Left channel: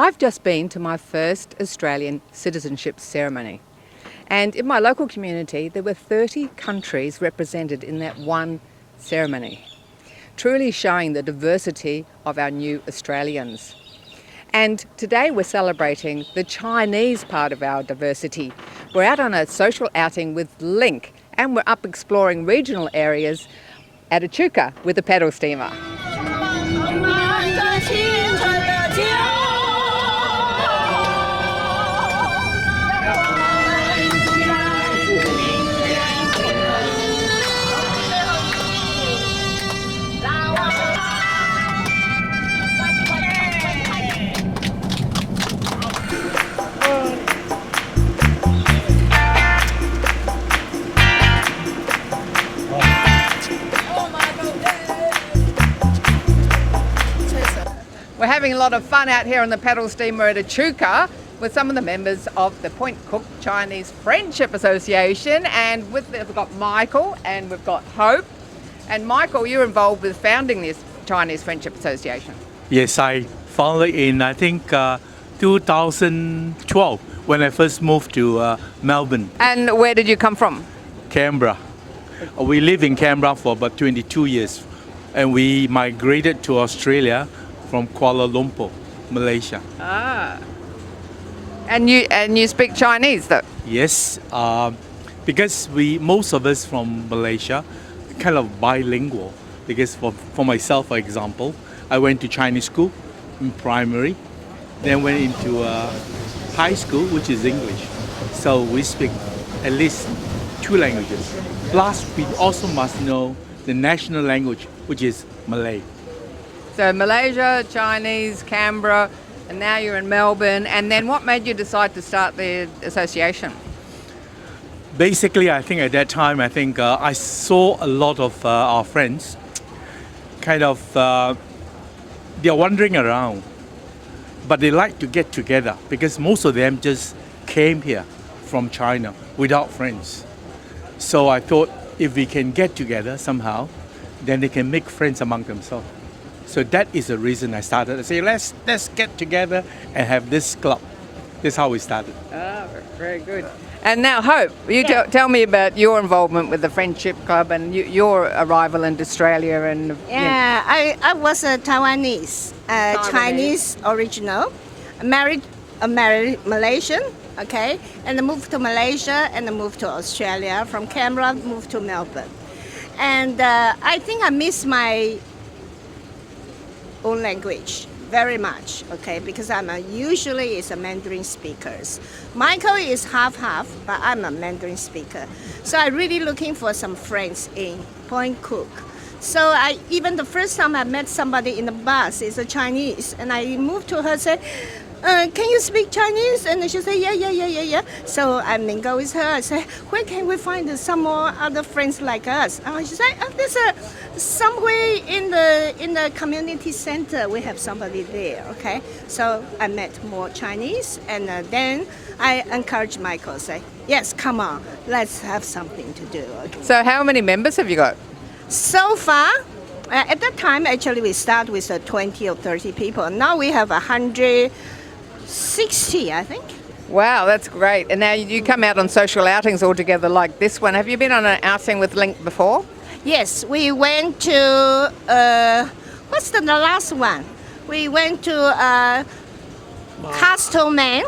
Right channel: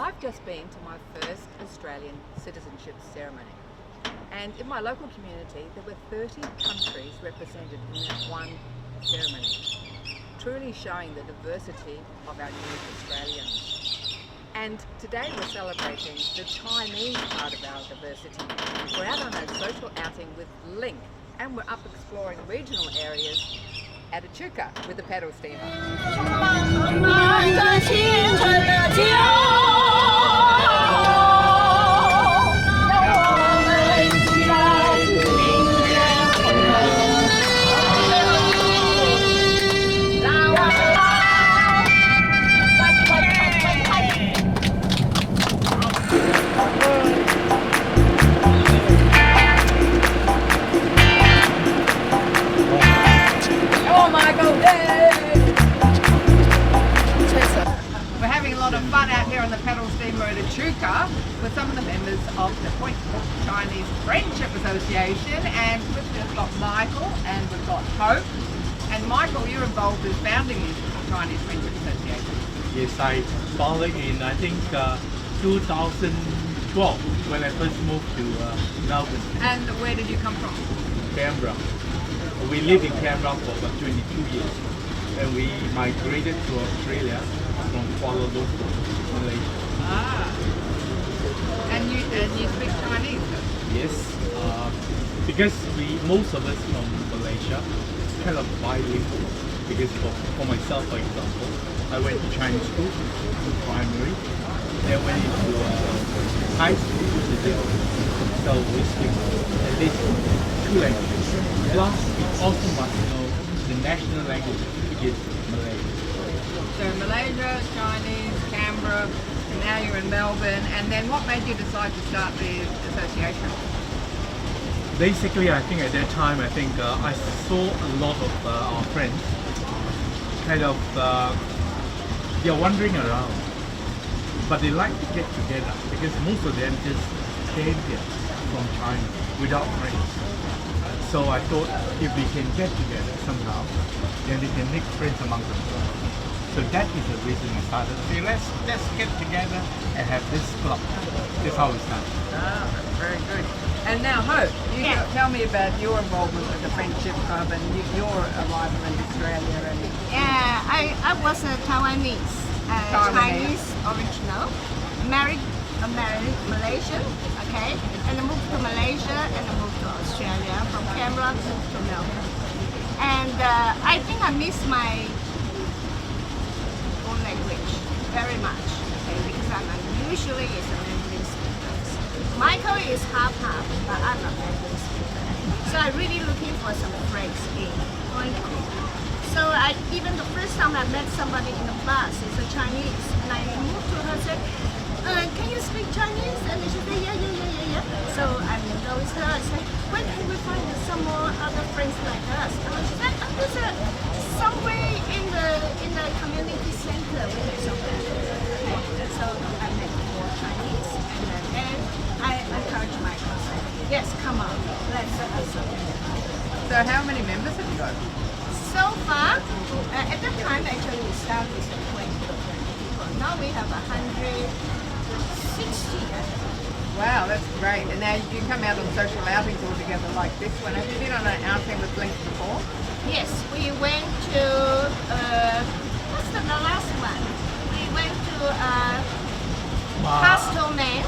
I've just been to my first Australian citizenship ceremony. And in my local community, there were 30 countries represented in that one ceremony, truly showing the diversity of our new Australians. And today we're celebrating the Chinese part of our diversity. We're out on a social outing with Link, and we're up exploring regional areas at Echuca with a pedal steamer. We're having a lot of fun out here on the pedal steamer at Echuca with some of the members of the Point Cook Chinese Friendship Association, and we've got Michael and we've got Hope. And Michael, you're involved with founding this Chinese Friendship Association. Yes, I founded in 2012 when I first moved to Melbourne. And where did you come from? Canberra. We lived in Canberra for about 22 years, and we migrated to Australia from Kuala Lumpur, Malaysia. And you speak Chinese though? Yes, because most of us from Malaysia kind of bilingual. Because for myself, for example, I went to Chinese school in primary, then went into high school, which is English. So we speak at least two languages. Plus, we also must know the national language, which is Malay. So Malaysia, Chinese, Canberra, and now you're in Melbourne. And then what made you decide to start the association? Basically, I think at that time, I saw a lot of our friends kind of, they're wandering around, but they like to get together because most of them just came here from China without friends. So I thought if we can get together somehow, then they can make friends among themselves. So that is the reason I started to say, let's get together and have this club. That's how we started. Very good. And now, Hope, you tell me about your involvement with the Friendship Club and your arrival in Australia. And I was a Taiwanese, Chinese original, married a Malaysian, okay, and I moved to Malaysia and I moved to Australia. From Canberra, moved to Melbourne, and I think I miss my own language very much, okay, because I'm usually is a Mandarin speaker. Michael is half, but I'm a Mandarin speaker. So I'm really looking for some friends in Point Cook. So even the first time I met somebody in the bus is a Chinese, and I moved to her and said, can you speak Chinese? And she said, yeah. So I mingle with her. I said, where can we find some more other friends like us? She said, there's somewhere in the community center. We have somebody there. Okay. So I met more Chinese, and then I encouraged Michael. Say, yes, come on, let's have something to do. So how many members have you got? So far, at that time, actually, we started with 20 or 30 people. Now we have 160, I think. Wow, that's great. And now you come out on social outings all together like this one. Have you been on an outing with Link before? Yes, we went to, what's the last one? We went to Castleman,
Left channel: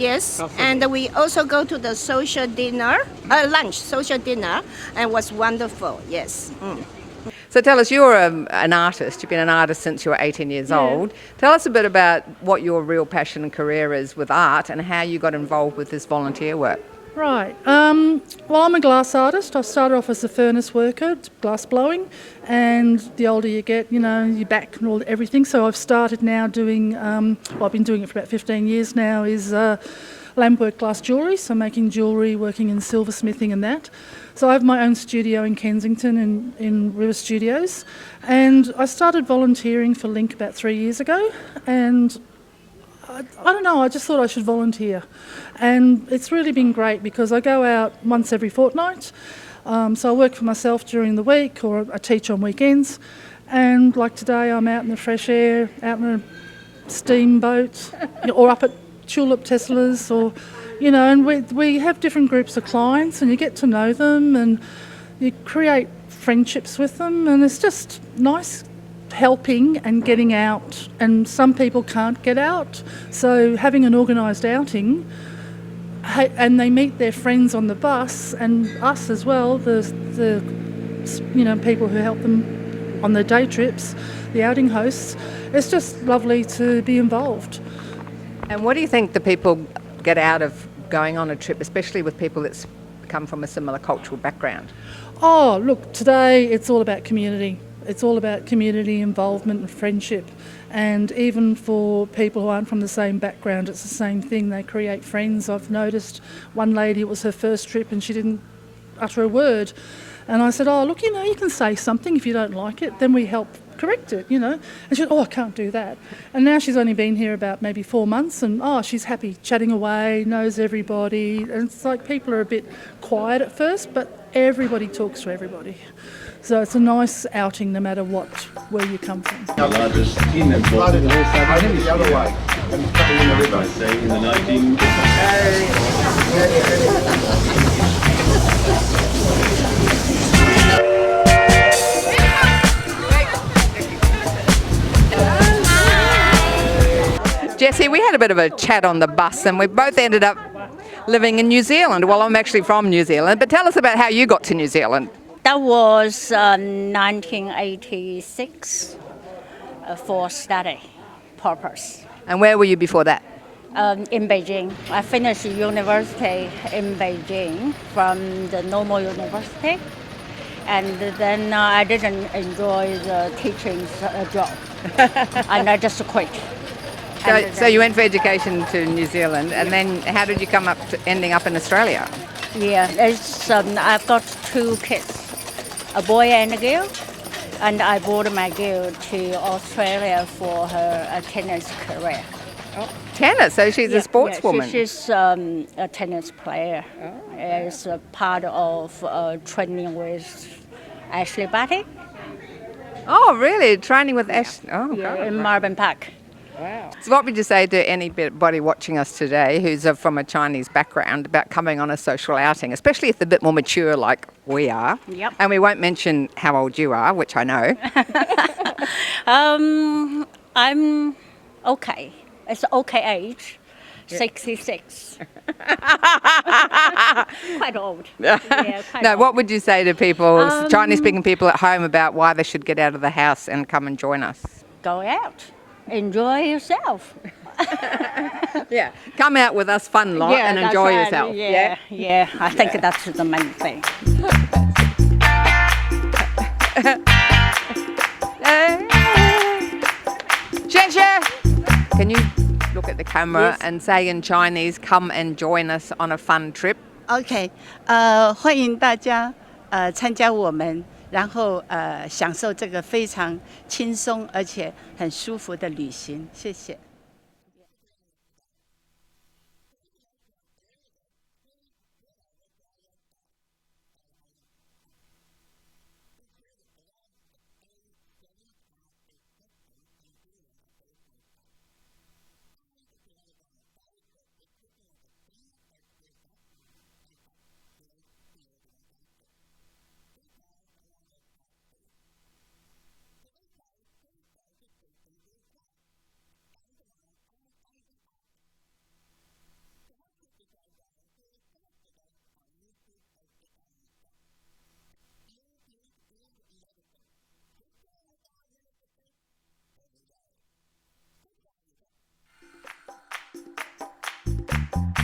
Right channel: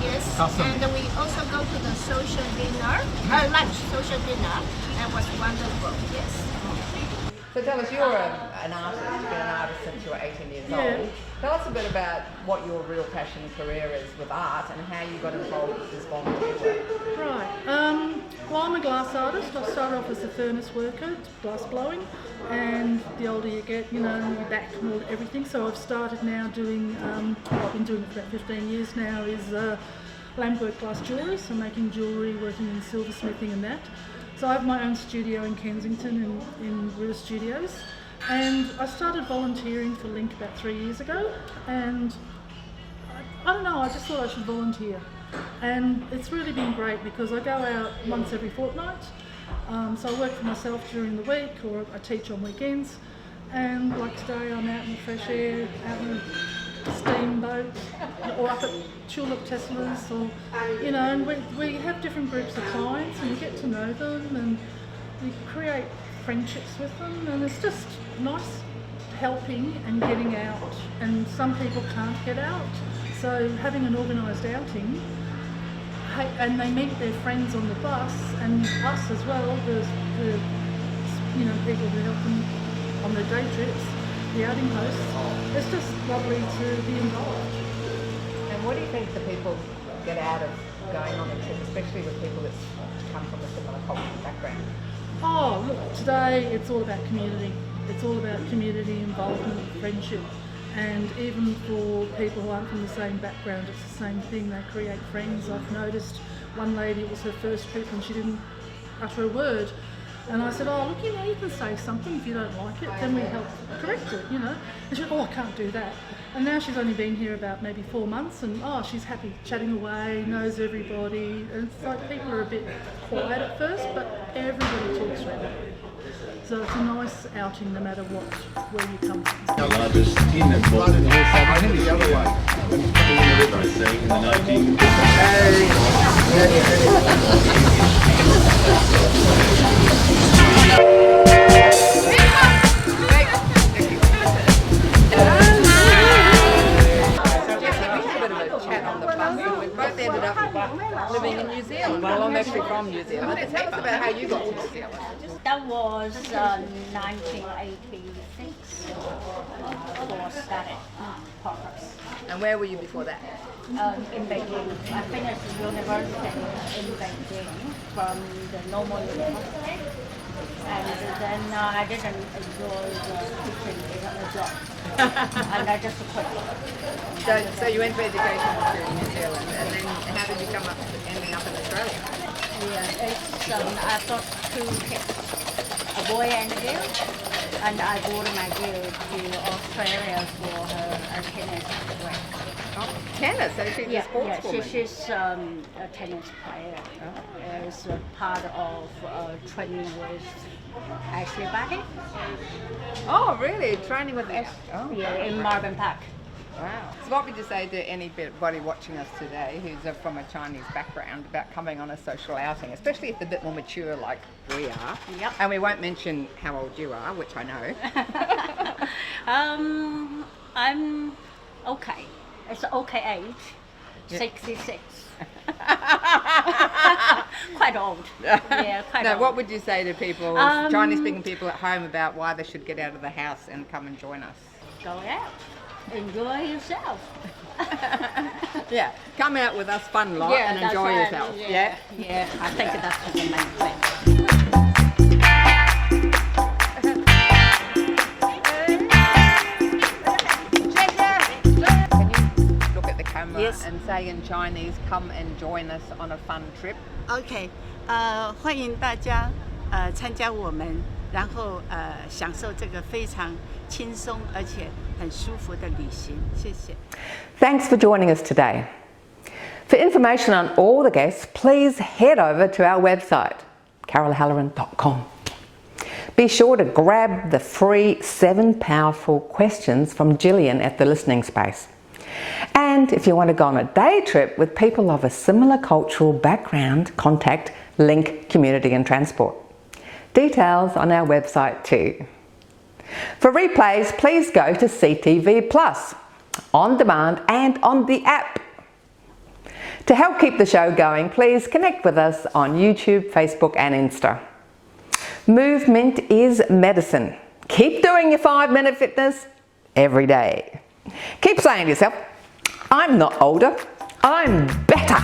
yes. And we also go to the social dinner, social dinner, and it was wonderful, yes. So tell us, you're an artist. You've been an artist since you were 18 years old. Tell us a bit about what your real passion and career is with art and how you got involved with this volunteer work. Right. Well, I'm a glass artist. I started off as a furnace worker, glass blowing, and the older you get, your back and everything. So I've started now doing, I've been doing it for about 15 years now, is lampwork glass jewellery. So making jewellery, working in silversmithing and that. So I have my own studio in Kensington in River Studios, and I started volunteering for Link about 3 years ago, and I don't know, I just thought I should volunteer. And it's really been great because I go out once every fortnight. So I work for myself during the week, or I teach on weekends. And like today, I'm out in the fresh air, out in the steamboat or up at Tulip Tesla's, or, and we have different groups of clients and you get to know them and you create friendships with them, and it's just nice helping and getting out, and some people can't get out, so having an organised outing, and they meet their friends on the bus and us as well, the people who help them on their day trips, the outing hosts. It's just lovely to be involved. And what do you think the people get out of going on a trip, especially with people that come from a similar cultural background? Oh, look, today it's all about community. It's all about community involvement and friendship. And even for people who aren't from the same background, it's the same thing. They create friends. I've noticed one lady, it was her first trip and she didn't utter a word. And I said, oh, look, you can say something if you don't like it. Then we help correct it, And she said, oh, I can't do that. And now she's only been here about maybe 4 months and, she's happy, chatting away, knows everybody. And it's like people are a bit quiet at first, but everybody talks to everybody. So it's a nice outing no matter where you come from. The largest tin and bottle in the other way. And it's coming in the river. I say in the 19... Jessie, we had a bit of a chat on the bus and we both ended up living in New Zealand. Well, I'm actually from New Zealand, but tell us about how you got to New Zealand. That was 1986 for study purpose. And where were you before that? In Beijing. I finished university in Beijing from the normal university, and then I didn't enjoy the teaching job, and I just quit. So you went for education to New Zealand, and then how did you come up to ending up in Australia? Yeah, it's I've got 2 kids, a boy and a girl, and I brought my girl to Australia for her tennis career. Oh, tennis, so she's a sportswoman. She's a tennis player. It's a part of training with Ashley Barty. Oh, really? Training with Ash? Oh, In Melbourne Park. wow. So what would you say to anybody watching us today who's from a Chinese background about coming on a social outing, especially if they're a bit more mature like we are? Yep. And we won't mention how old you are, which I know. I'm okay. It's okay age, 66. Quite old. Yeah, quite No, old. what would you say to people, Chinese-speaking people at home, about why they should get out of the house and come and join us? Go out. Enjoy yourself. Yeah. Come out with us fun lot and that's enjoy right. yourself. Yeah, I think that's the main thing. Can you look at the camera and say in Chinese, come and join us on a fun trip? OK，欢迎大家参加我们，然后享受这个非常轻松而且很舒服的旅行。谢谢。Thanks for joining us today. For information on all the guests, please head over to our website, carolhalloran.com. Be sure to grab the free 7 powerful questions from Gillian at the listening space. And if you want to go on a day trip with people of a similar cultural background, contact Link Community and Transport. Details on our website too. For replays, please go to CTV Plus, on demand and on the app. To help keep the show going, please connect with us on YouTube, Facebook and Insta. Movement is medicine. Keep doing your 5-minute fitness every day. Keep saying to yourself, I'm not older, I'm better.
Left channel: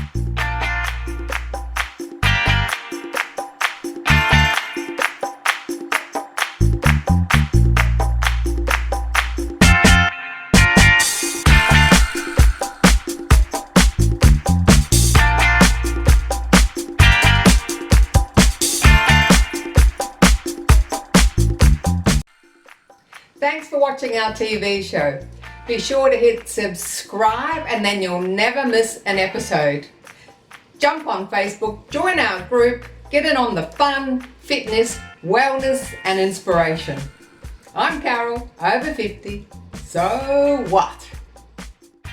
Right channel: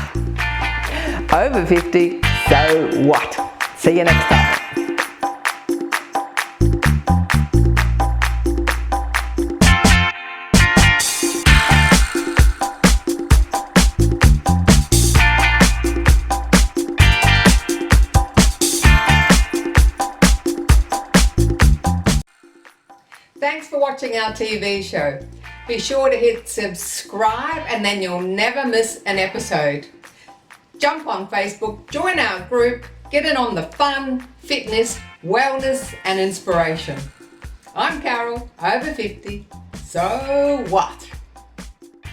Over 50, so what? See you next time. Thanks for watching our TV show. Be sure to hit subscribe and then you'll never miss an episode. Jump on Facebook, join our group, get in on the fun, fitness, wellness and inspiration. I'm Carol, over 50, so what?